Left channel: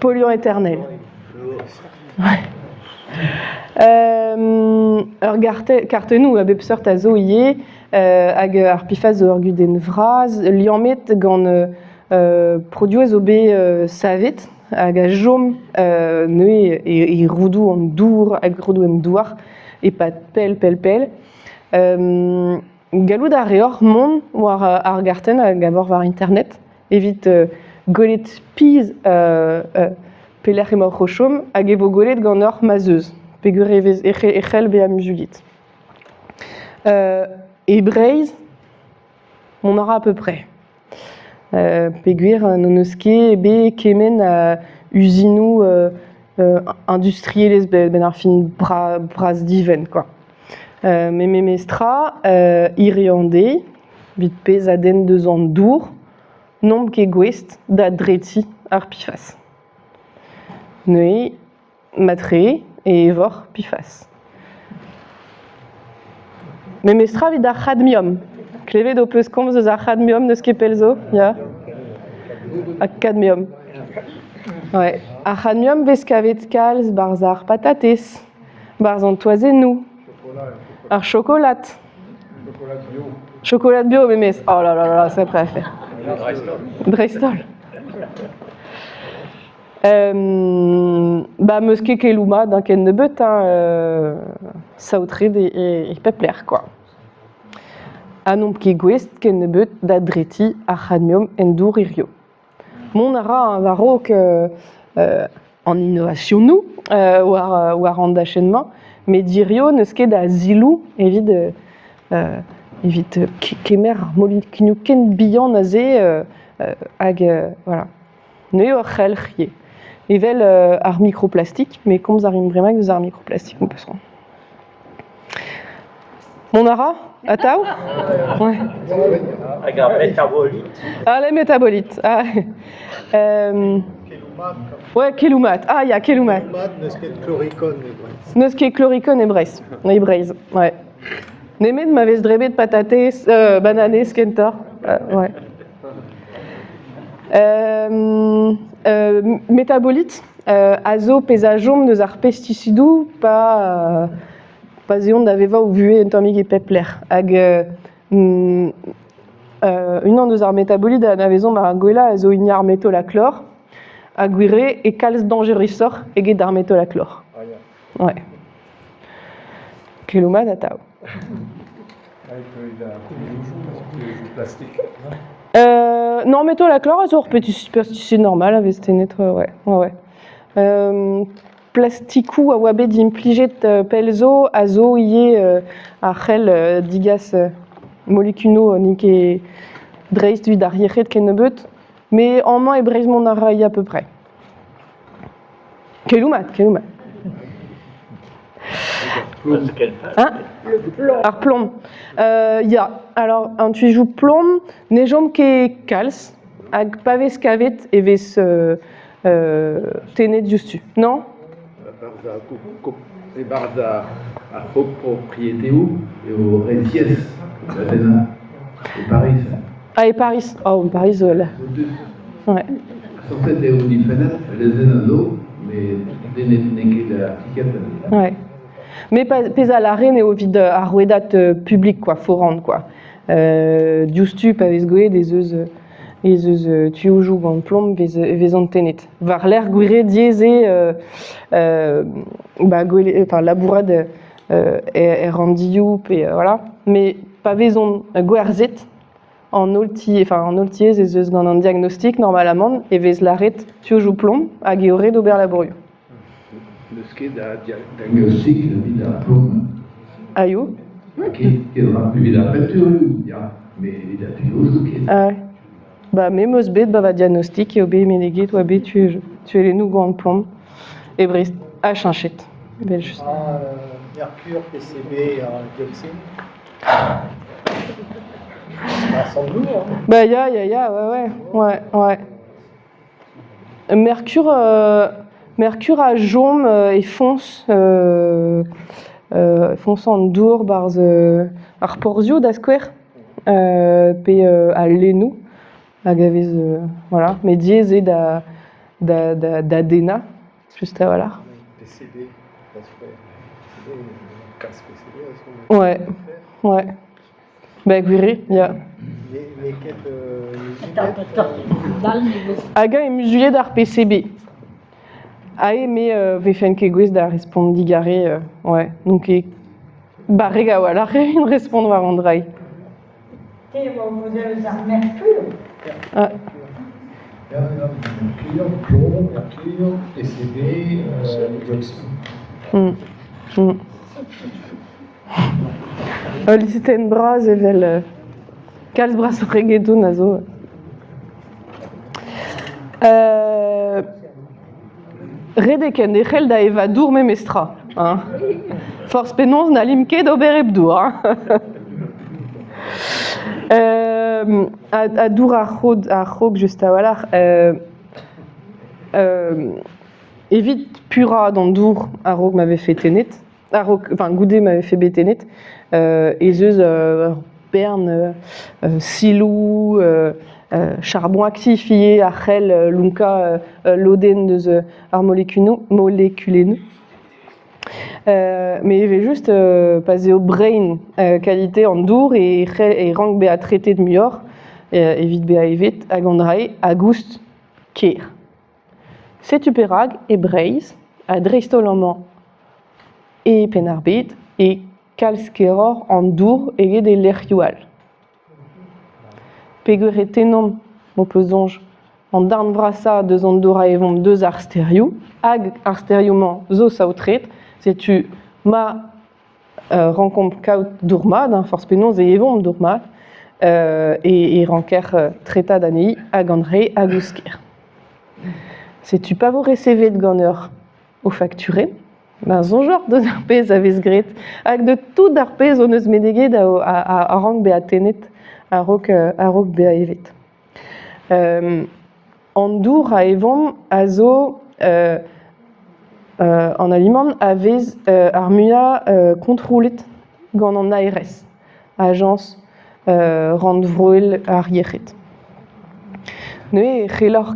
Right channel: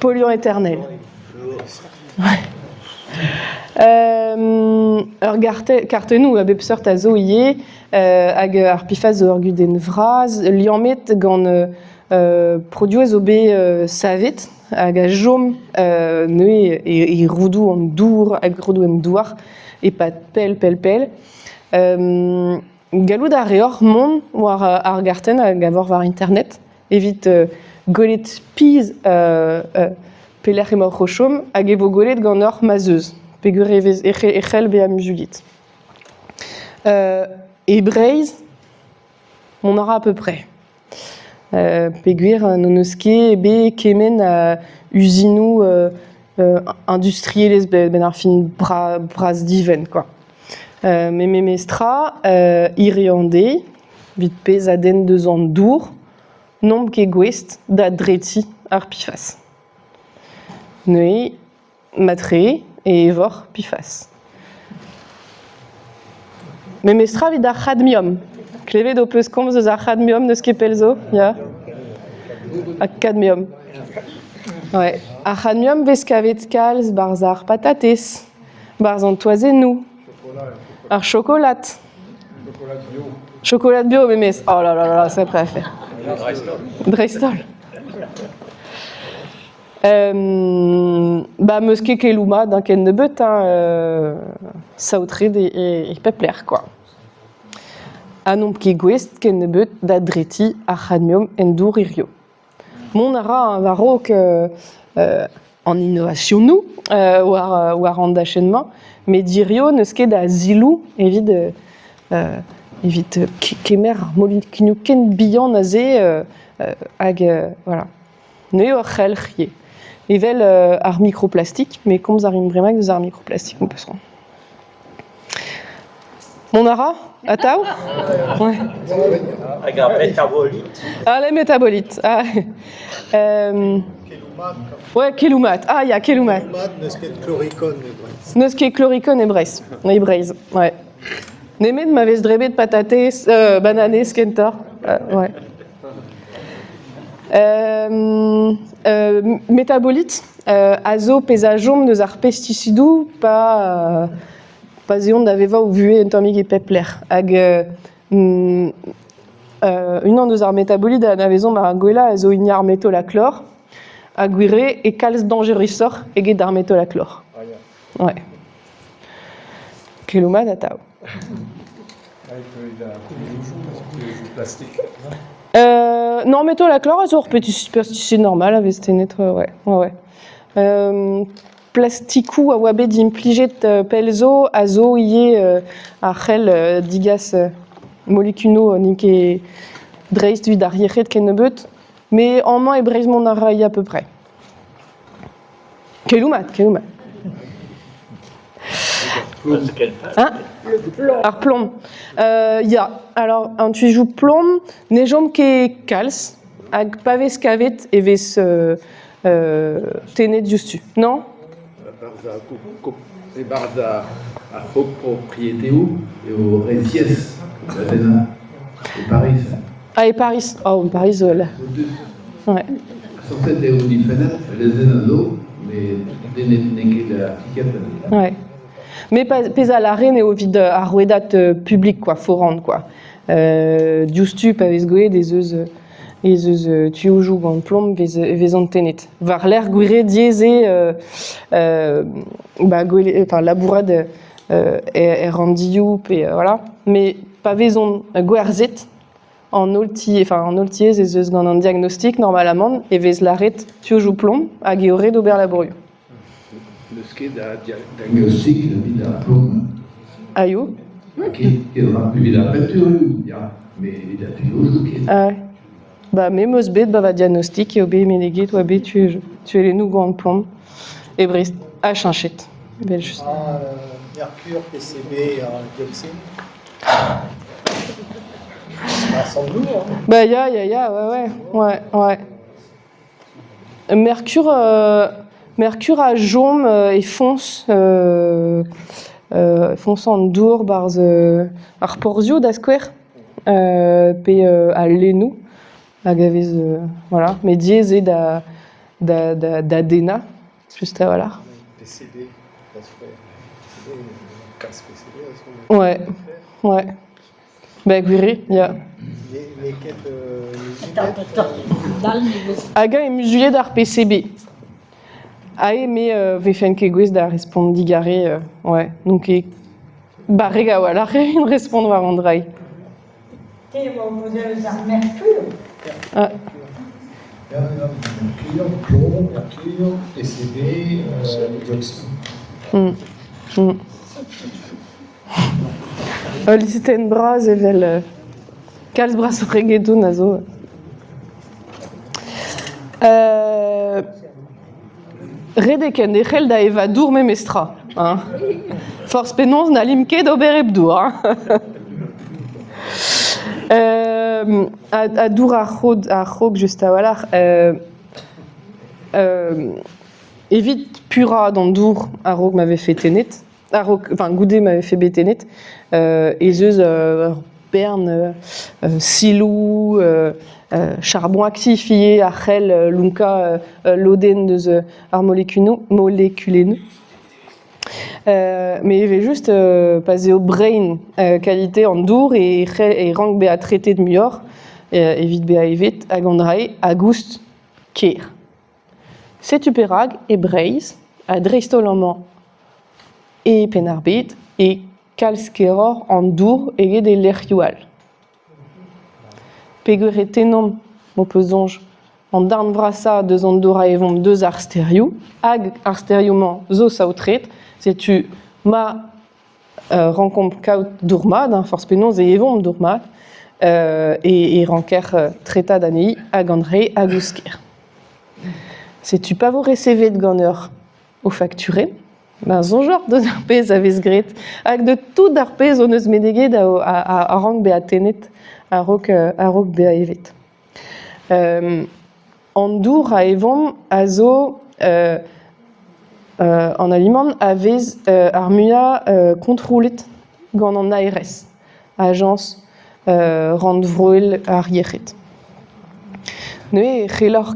Polluant éternel. Kartenou a bepsort a zo ie hag ar pifaz zo ur guden vraz liamet gant produez zo be savet hag a jom neue e roudou an dour hag roudou en douar e pat pel. Gallout a reor mon war ar garten hag a vor war internet evit golet piz pelec'h emañ c'hochom hag evo golet gant ur mazeuz. Pegur echel be am julit. E Breizh, on aura à peu près. Peguir non eus ket be kemen usinou industrielez ben ar fin braz diven, quoi. Me mestra, iriande, vit pez a den deus an dour, nomp ket gwest da dreti ar pifas. Neue, matre, et evor pifas. Me mestra vid ar cadmium. Klevet o peus komz eus ar cadmium neus ket pelzo, ya? Ar cadmium. Ouais. Ar cadmium vez kavet kalz barz ar patates, barz an toazennou, ar chocolat. Chocolat bio, me mes. Oh là là, c'est prêt à faire. Dreistol. Meus ket kelouma d'un ken nebeut, saoutred e pepler, quoi. Anomp ket gwest ken nebeut da dreti ar cadmium en dour irio. Mon ara un varok en innovation nou, war an d'achènement, mais dirio neus ket da zilou evit kemer molikinu ken bihan a ze hag voilà. Neu ur c'helc'hier. Evel ar microplastique, mais komz ar imbrimak deus ar microplastique, on peut se rendre. Mon ara, ataou? Ouais. Hag ar métabolite. Ah, les métabolites. Ah. Ouais, keloumat. Ah, il y a keloumat. Neus ket chloricone e Breizh. Neus ket chloricone e Breizh. E Breizh, ouais. Nemet ma vez drebet patates, bananes kentor. Ouais. Métabolite, azo pezajom neus ar pesticidou pa eon da veva ou vue en tammig e pepler. Hag unan deus ar métabolite a na vezon mar gwella a zo ignar métolachlor, a gwire e kalz dangerusor eget d'ar métolachlor. Ouais. Kelouma da tao. Non, métolachlor a zo ur pesticide normal a vez tenet, ouais. Plastikou a oa bet implijet pelzo a zo ie ar c'hell digas molekuno nike dreist vid ar yechet ken nebeut, mais en main e Breizh mon ara à peu près. Keloumat. Hein? Ar plomb. Ya, alors, un tuijou plomb, nejom ket kalz, hag pavez kavet e vez tenet justu, non? Barz a copropriétéo et au Rézies, et Paris. Ah, et Paris. Oh, Paris, là. Ouais. Sortet eo diferent, les zenado, mais neket appliquet. Ouais. Mais pez a laren eo vid ar rouedat public, quoi, forant, quoi. Justu pavez goe des eus tuoujou gant plomb vez an tenet. Var l'air gwire dieze labourad randioù, voilà. Mais pavez on gwerzet en oltiez ez eus gant an diagnostic normalement e vez l'arret tuoujou plomb hag eore d'ober labourioù. Neus ket da diagnostic vid ar plomb. Aio? Ket vid ar peinture, ya, mais vid ar tuoujou ket. Ah, me meus bet va diagnostic eo be meneget oa be tuele nou gant plomb e Breizh a chanchet. Mercure, PCB, dioxyde. Ça semble lourd, hein? Bah, ouais. Mercure a jom et fonce en dour barz ar porzio da skouer pe a lenou hag avez voilà, mais diez et d'Adena, juste à voilà. PCB, parce que casse PCB, Ouais, ouais. Ben, verrez, il y a. les quêtes Aga e musuiet ar PCB. Ae me vefen ket gwez da respondigare, ouais. Donc e barrega wala une respond war an drai. Ah, Mercure, plomb, mercure, PCB, dioxyde. Listen braz evel kalz braz o regeto na zo. Redeken de c'hell da eva dour memestra. Hein. Force penons na limket d'ober ebdour. A dour ar c'hog just a walar. Evit pura dans dour a rog m'avait fait tenet. Enfin, Goudet m'avait fait bétenet. Et zeus Berne, silou, charbon actifié, achel, lunka, loden de ar moléculéneux. Mais il y avait juste passé au brain qualité en dour et rang be à traité de mior et vite be à evet à gandrae à gust kier. C'est tuperag et braise à dristolament et penarbet et kalskeror en dour et des lerjual. Pegure tenom mo pesonge en darn vrassa deux andora et vont deux arstériou ag arstérioument zo sautret c'est tu ma rencontre kaut dourma d'un force penons et evon dourma et ranker traita d'anei ag andré agusker. C'est tu pas vous recevoir de gonner au facturé. Ben, son genre de arpez avait gret avec de tout d'arpez on eus medeget à rang be a tenet à rock be a evet. En dour a evon azo en aliment avez armua contrôlet gant an ARS agence rand vroel ar yechet. Ne c'hellor